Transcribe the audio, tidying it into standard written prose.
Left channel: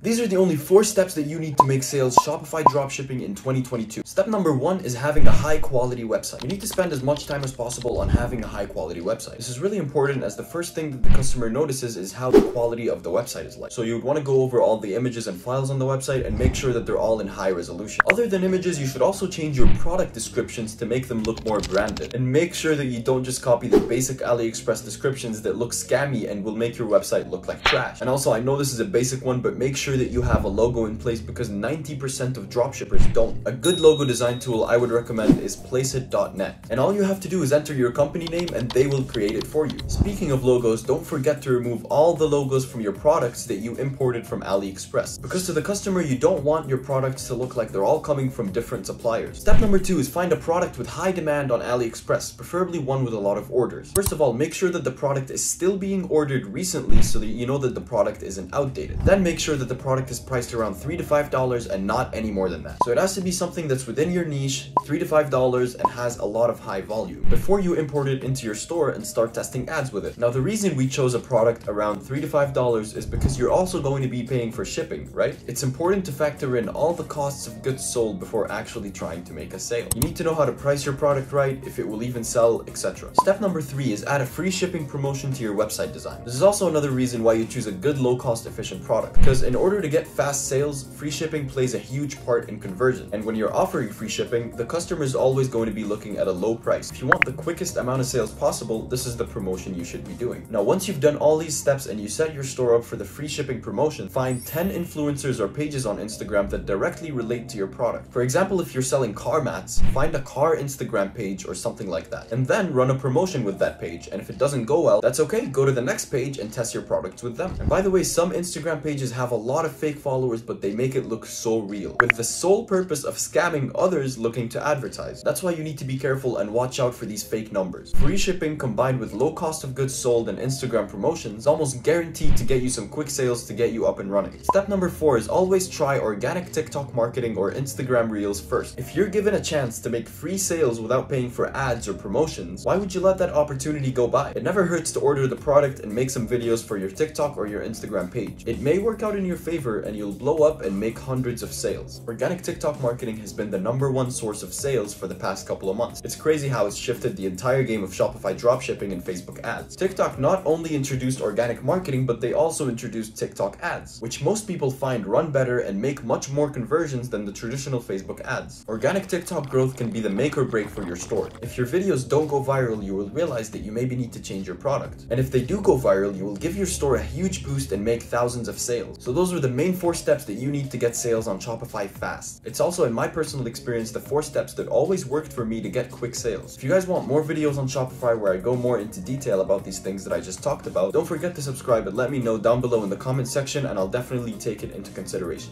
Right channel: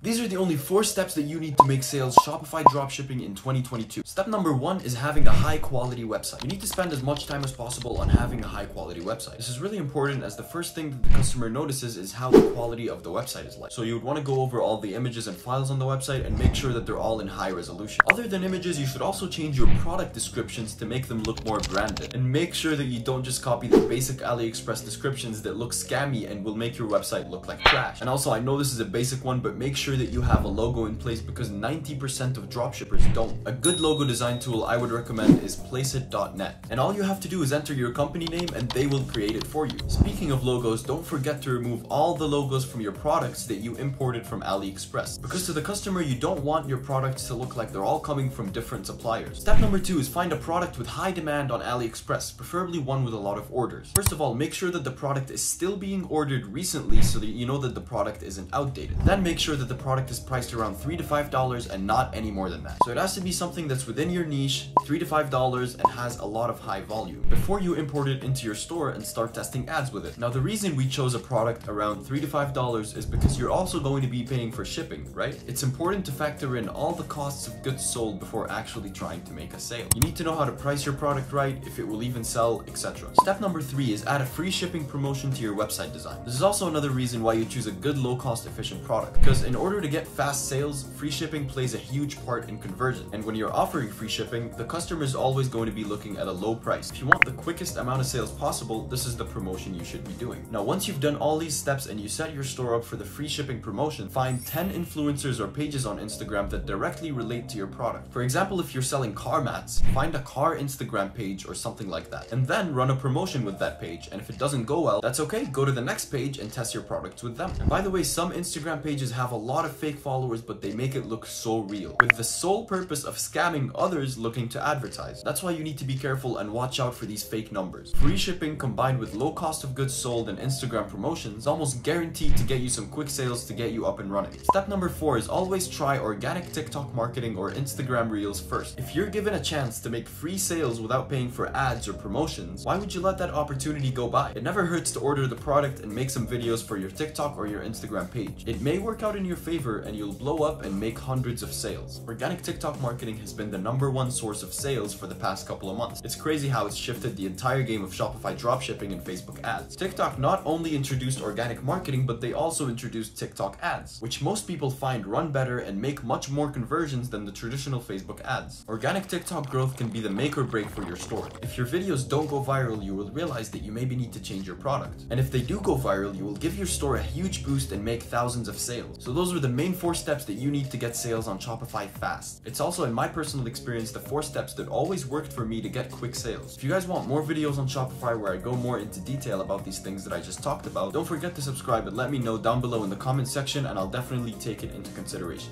These are the only 4 steps that you need to make sales Shopify dropshipping in 2022. Step number 1 is having a high quality website. You need to spend as much time as possible on having a high quality website. This is really important as the first thing that the customer notices is how the quality of the website is like. So you would want to go over all the images and files on the website and make sure that they're all in high resolution. Other than images, you should also change your product descriptions to make them look more branded. And make sure that you don't just copy the basic AliExpress descriptions that look scammy and will make your website look like trash. And also, I know this is a basic one, but make sure that you have a logo in place because 90% of dropshippers don't. A good logo design tool I would recommend is placeit.net. And all you have to do is enter your company name and they will create it for you. Speaking of logos, don't forget to remove all the logos from your products that you imported from AliExpress. Because to the customer, you don't want your products to look like they're all coming from different suppliers. Step number 2 is find a product with high demand on AliExpress, preferably one with a lot of orders. First of all, make sure that the product is still being ordered recently so that you know that the product isn't outdated. Then make sure that the product is priced around $3 to $5 and not any more than that. So it has to be something that's within your niche, $3 to $5, and has a lot of high volume before you import it into your store and start testing ads with it. Now, the reason we chose a product around $3 to $5 is because you're also going to be paying for shipping, right? It's important to factor in all the costs of goods sold before actually trying to make a sale. You need to know how to price your product right, if it will even sell, etc. Step number 3 is add a free shipping promotion to your website design. This is also another reason why you choose a good low-cost efficient product, because in order to get fast sales, free shipping plays a huge part in conversion. And when you're offering free shipping, the customer is always going to be looking at a low price. If you want the quickest amount of sales possible, this is the promotion you should be doing. Now, once you've done all these steps and you set your store up for the free shipping promotion, find 10 influencers or pages on Instagram that directly relate to your product. For example, if you're selling car mats, find a car Instagram page or something like that, and then run a promotion with that page. And if it doesn't go well, that's okay. Go to the next page and test your products with them. And by the way, some Instagram pages have a lot of fake followers, but they make it look so real, with the sole purpose of scamming others looking to advertise. That's why you need to be careful and watch out for these fake numbers. Free shipping combined with low cost of goods sold and Instagram promotions almost guaranteed to get you some quick sales to get you up and running. Step number 4 is always try organic TikTok marketing or Instagram Reels first. If you're given a chance to make free sales without paying for ads or promotions, why would you let that opportunity go by? It never hurts to order the product and make some videos for your TikTok or your Instagram page. It may work out in your favor and you'll blow up and make hundreds of sales. Organic TikTok marketing has been the #1 source of sales for the past couple of months. It's crazy how it's shifted the entire game of Shopify dropshipping and Facebook ads. TikTok not only introduced organic marketing, but they also introduced TikTok ads, which most people find run better and make much more conversions than the traditional Facebook ads. Organic TikTok growth can be the make or break for your store. If your videos don't go viral, you will realize that you maybe need to change your product. And if they do go viral, you will give your store a huge boost and make thousands of sales. So those are the main 4 steps that you need to get sales on Shopify fast. It's also, in my personal experience, the 4 steps that always worked for me to get quick sales. If you guys want more videos on Shopify where I go more into detail about these things that I just talked about, don't forget to subscribe and let me know down below in the comment section, and I'll definitely take it into consideration.